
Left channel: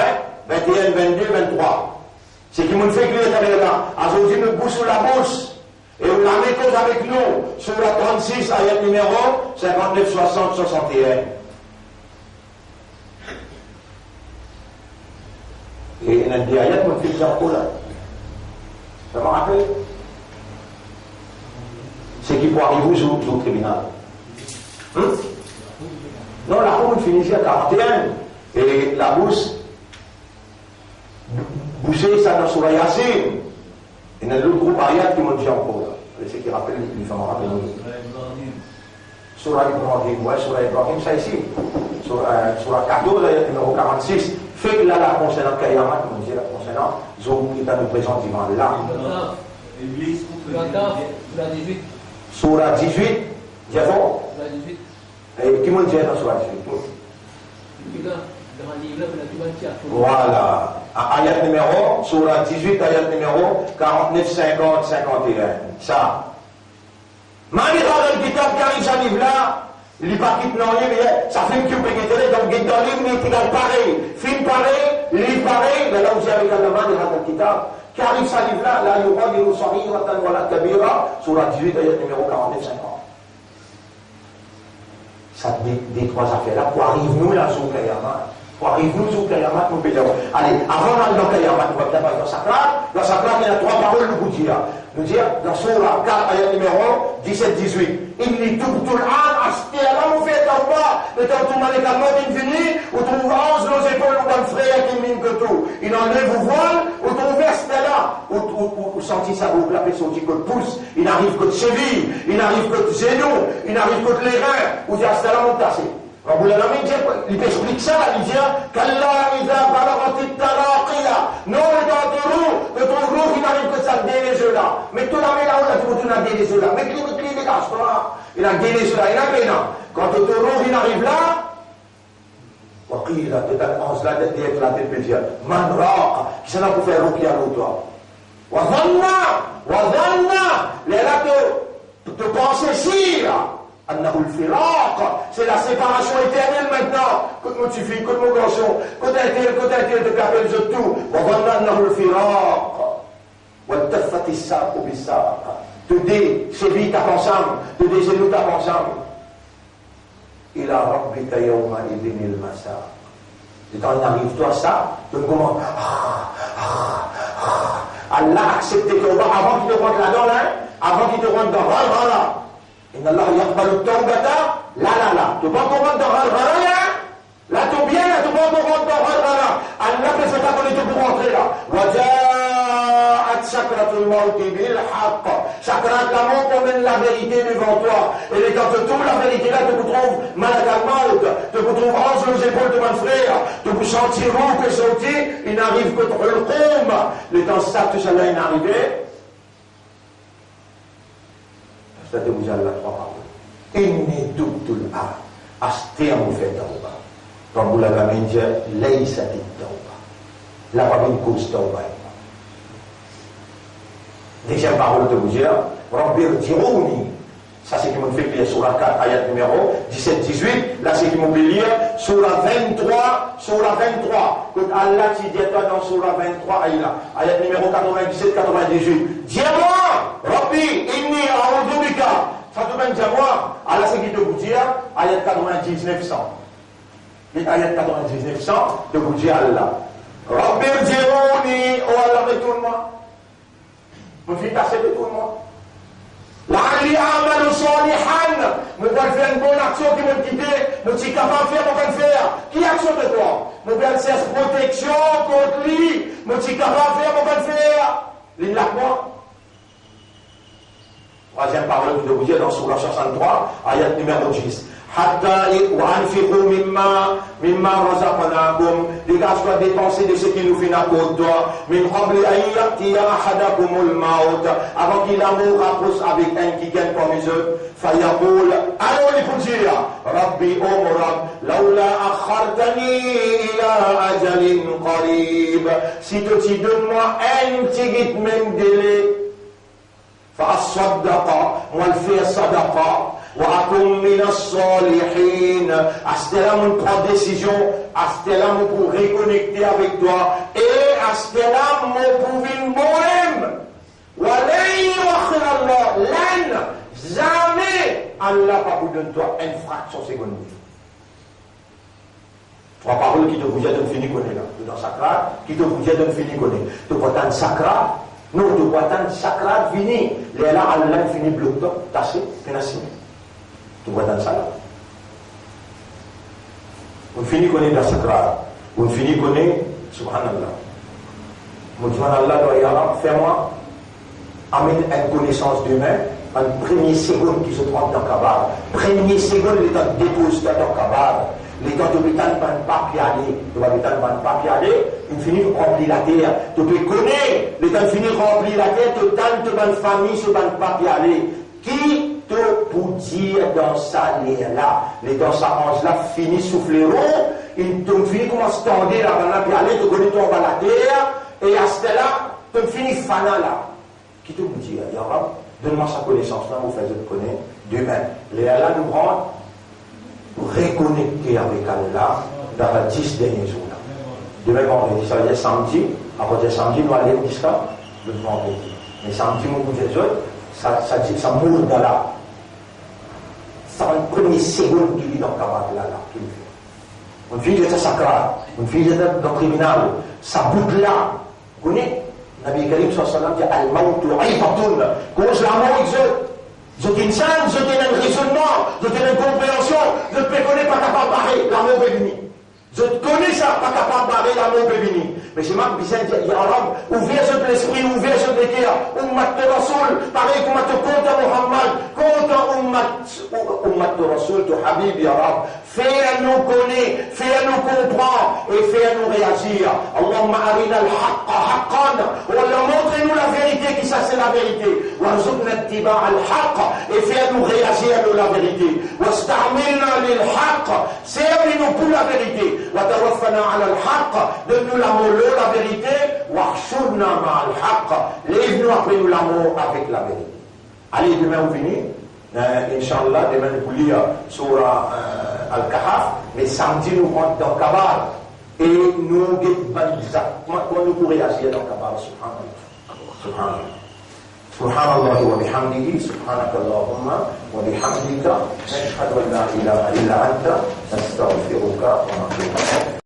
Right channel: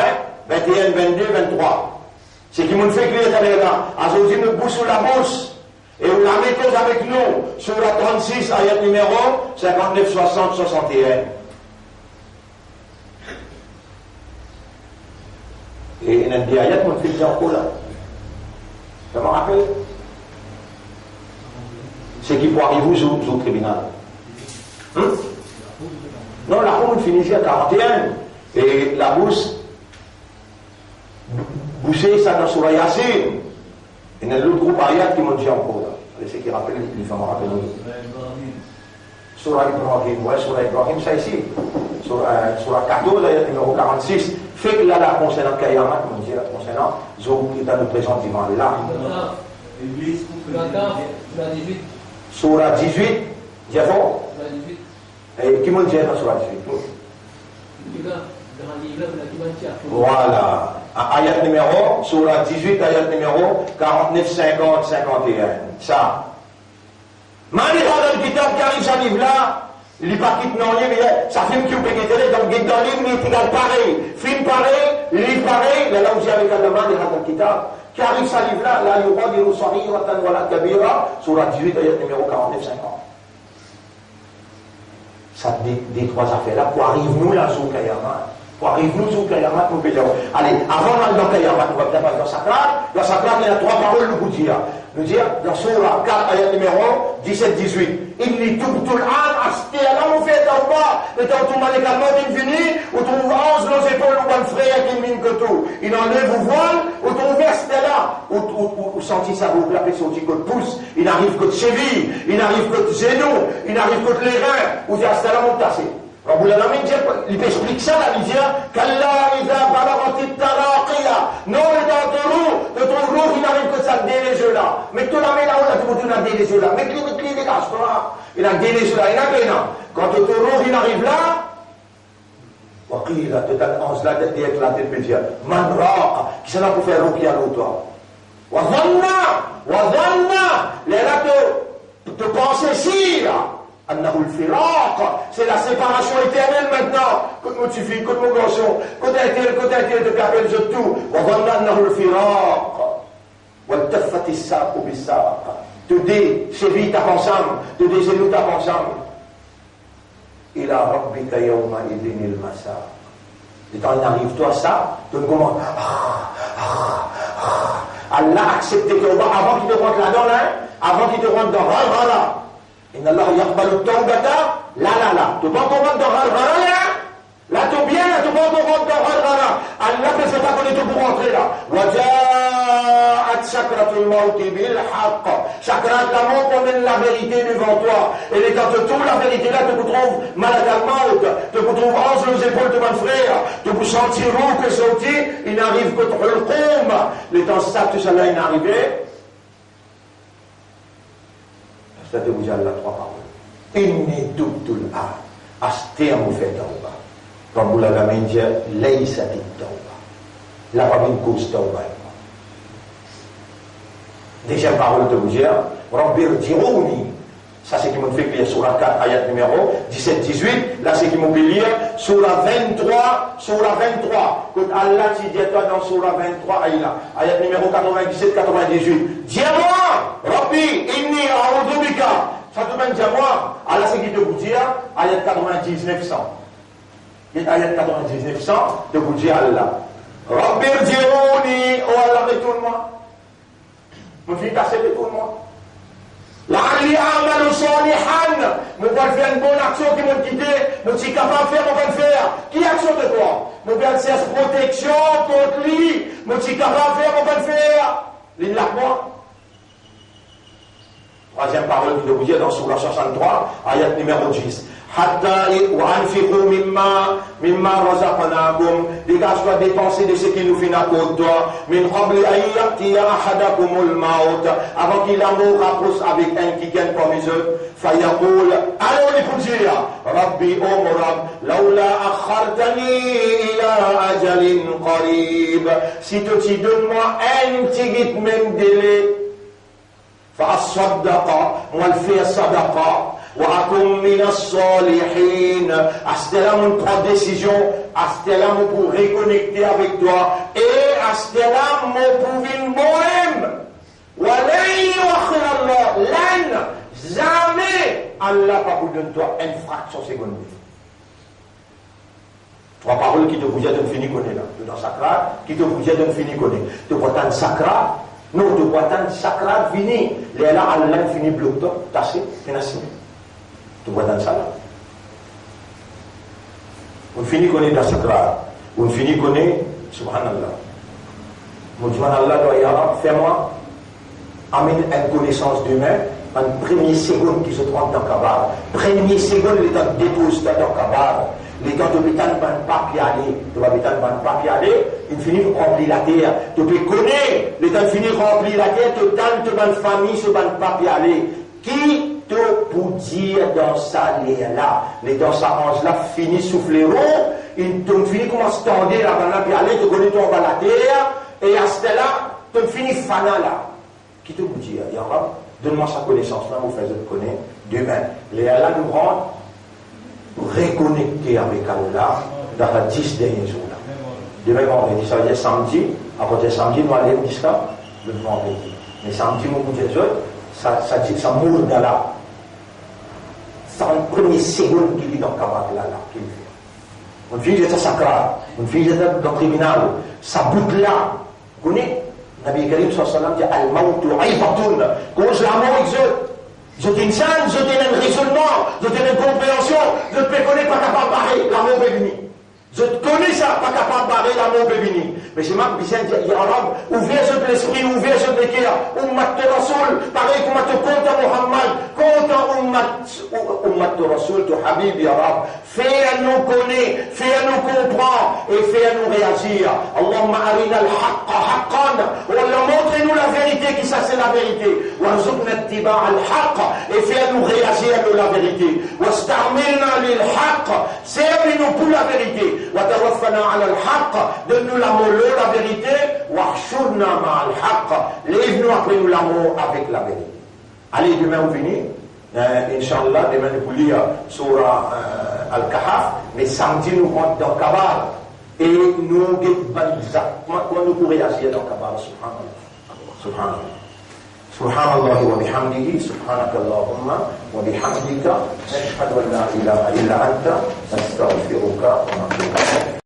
21, 22, 23. C'est qui nous fait crier là. Aujourd'hui, nous boussons la bouche. Et nous la mettons avec nous sur la 36, ayat numéro 59, 60, 61. Et il y a des ayats qui nous fait dire là. Ça me rappelle? C'est qui pour arriver au tribunal. Non, la route finit à 41. Et la bouche, boucher ça dans Surah Yasin. Il y a l'autre groupe ayat qui m'ont dit encore là. C'est qui rappelle les femmes rappellent. Surah Ibrahim, ouais, Surah Ibrahim, ça ici. Surah 14, ayat numéro 46. Fait que là, la concernant Kayamat, comme on dit, la concernant, Zouk qui est à nous présenter devant là. Surah 18, Diafo. Et qui m'ont dit dans Surah 18? Voilà. Ayat numéro, Surah 18, ayat numéro 49, 50, 51. Ça. Mani dans le kitab qui arrive à livre là, il n'est pas quitte non livre, ça filme qui vous peut guetter, donc guette dans le livre, il est égal pareil. Film pareil, livre pareil, là où j'ai avec la demande, il y a dans le kitab. Qui arrive à livre là, là, il y aura des saghiratan wa la kabira, Surah 18, ayat numéro 49, 50. Ça, des trois affaires-là, pour arriver nous là, sur Kayamat. Pour arriver nous sur Kayamat, nous pouvons dire, allez, avant d'aller dans Kayamat, on va bien passer dans Sakrat. Dans Sakrat, il y a trois paroles, nous dire. Nous dire, dans Surah 4, ayat numéro 17-18. Inni tubtul an, acheté à là, on fait en bas. Le temps où on est calmement infini, où on trouve 11 nos épaules, ou un frère qui mine que tout. Il enlève vos voiles, où on verse là, où sentit sa boucle, la personne qui pousse, il n'arrive que de cheville, il n'arrive que de genoux, il n'arrive que de les reins, où il y a là, on tasse. Rabou l'Alamin il explique ça, il dit Kalla idha balagati taraqiya. Non, et dans ton roux, il n'arrive que de ça, des yeux là. Mais tout la main là, on a tout a des yeux là. Mais les dégage, toi. Il a des yeux là, il a bien. Quand ton roux, il arrive là, Waqila, tu t'annonces là, tu éclaté le pédiatre. Man raqa, qui s'en a pour faire ruqya l'autre. Wazanna, les là, te penser si, là. C'est la séparation éternelle maintenant. Quand mon fille, quand mon garçon, quand un te capelle de tout. Te dis, c'est vite à ensemble, te dis, c'est nous à ensemble. Il a rabbika yawma idin il masa. Et quand il arrive toi ça, tu me commandes. Allah a accepté que avant qu'il te rentre là-dedans, avant qu'il te rentre dans là. Inna Allah yaqbalu tawbata la. Tu prends ton compte dans Ral-Ghara là, tu bien, tu prends ton compte dans Ral-Ghara. Allah ne fait pas qu'on est pour rentrer là. Waja'at ja'at sakratul mauti bil haqq. Sakrat la mort emmène la vérité devant toi. Et les quand tu trouves la vérité là, tu te trouves malade al maut, tu te trouves ange aux épaules de mon frère, tu peux sentir où que sorti, il n'arrive que trop le combe. Le temps ça, tout ça là, il n'arrivait. Ça te vous a la trois paroles. Inni dubtul a. Asté en fait tauba. Comme vous l'avez dit, laysa dit tauba. La pas une cause tauba. Deuxième parole de vous dire, Rabbir Dirouni. Ça c'est qui m'ont fait lire sur la 4, ayat numéro 17-18. Là c'est qui m'ont fait lire sur la 23, sur la 23. Quand Allah t'y dit toi dans sur la 23, ayat numéro 97-98. Dis-moi, Rabbi, inni a'udhu bika. Ça te mène à moi. Allah c'est qui te vous dire, ayat 99-100. Ayat 99-100, de vous dire Allah. Rabbir Dirouni, oh Allah, retourne-moi. Mon fils passé de tout le monde. La'alli a'malu salihan. Nous allons faire une bonne action qui vont quitter. Nous sommes capables de faire, nous allons faire. Qui action de quoi? Nous allons faire protection contre lui. Nous sommes capables de faire, nous allons faire. L'île là quoi? Troisième parole que je vous dis dans Sourate 63, ayat numéro 10. Hatta wa'anfiqu mimma razaqnakum, les gars soient dépensés de ce qui nous fait la côte d'or, min qabli an ya'tiya ahadakumul maut, avant qu'il l'amour rapproche avec un qui gagne comme les autres, fayaqul, alors les pour dire, Rabbi Rab, laula akhartani ila ajalin qarib, si tu donnes-moi un petit même délai, fa as-sadaqa, moi le fais sadaqa, وَأَكُمْ مِنَ الصَّالِحِينَ. Astélam prend décision, Astélam pour reconnecter avec toi, et Astélam pour une bohème. وَلَنْ يُؤَخِّرَ اللَّهُ لَنْ. Jamais Allah va vous donner toi une fraction seconde. Trois paroles qui te vous aident de finir connaître là. Dans Sakra, qui te vous aident de finir connaître. Tu peux attendre Sakra, non, tu peux attendre Sakra fini. Là, Allah finit bloc top, tassé, pénassé. Tu vois dans ça là. On finit qu'on est dans Sakra. On finit qu'on est Subhanallah. Subhanallah, fais-moi amène une connaissance d'humain en première seconde qui se trouve dans Kabar. Première seconde, les temps dépose dans Kabar. Les temps de l'hôpital ne vont pas y aller. L'hôpital ne va pas y aller. Il finit de remplir la terre. Tu peux connaître. Les temps finit de remplir la terre. Tu donnes une famille, ne va pas y aller. Qui pour dire dans sa là, les dans sa hanche là, finit souffler rond, il te finit comme à se tendre là, puis aller, te connais ton bas la terre, et à ce là, te finit fana là. Qui te vous dit, ya Rab, donne-moi sa connaissance là, vous faites de connaître, demain, les là nous rendent reconnecter avec Allah dans les 10 derniers jours là. Demain, vendredi, ça veut dire samedi, après samedi, nous allons jusqu'à le vendredi. Mais samedi, mon bout des autres, ça mourut dans là. C'est une première seconde qui vit dans le cabaret là, qu'il fait. Une fille était sacrée, une fille était dans le tribunal, ça boucle là. Vous connaissez? Nabi Karim sallallahu alayhi wa sallam dit Al-Mautu Aifatun. Cause la mort existe. Je t'ai une scène, je t'ai un raisonnement, je t'ai une compréhension, je ne te connais pas capable de barrer, la mort est venue. Je te connais ça, pas capable de barrer, la mort est venue. Mais c'est moi qui viens de dire, ya Rab, ouvrir l'esprit, ouvrir le cœur, Ummat Rasoul, pareil comme te compte à Muhammad, compte à Ummat Rasoul, tu Habib, ya Rab, fais-nous connaître, fais-nous comprendre, et fais-nous réagir. Allahumma arina al-haqqa haqqan, Allah montre-nous la vérité, qui ça c'est la vérité, warzuqna ittiba' al-haqq, et fais-nous réagir à la vérité, wasta'milna lil-haqq, servis-nous pour la vérité, wa tawaffana ala al-haqq, donne-nous l'amour, la vérité, wahshurna ma'al haqq, lève-nous après nous l'amour avec la vérité. Allez, demain on finit, Inch'Allah, demain nous lire Surah Al-Kahf, mais samedi nous rentrons dans Kabar, et nous exactement comment nous pourrions agir dans Kabar, subhanallah. Subhanallah. Subhanallah wa bihamdihi, subhanakallahumma wa bihamdika, nashhadu an la ilaha illa anta, nastaghfiruka wa natubu ilayk.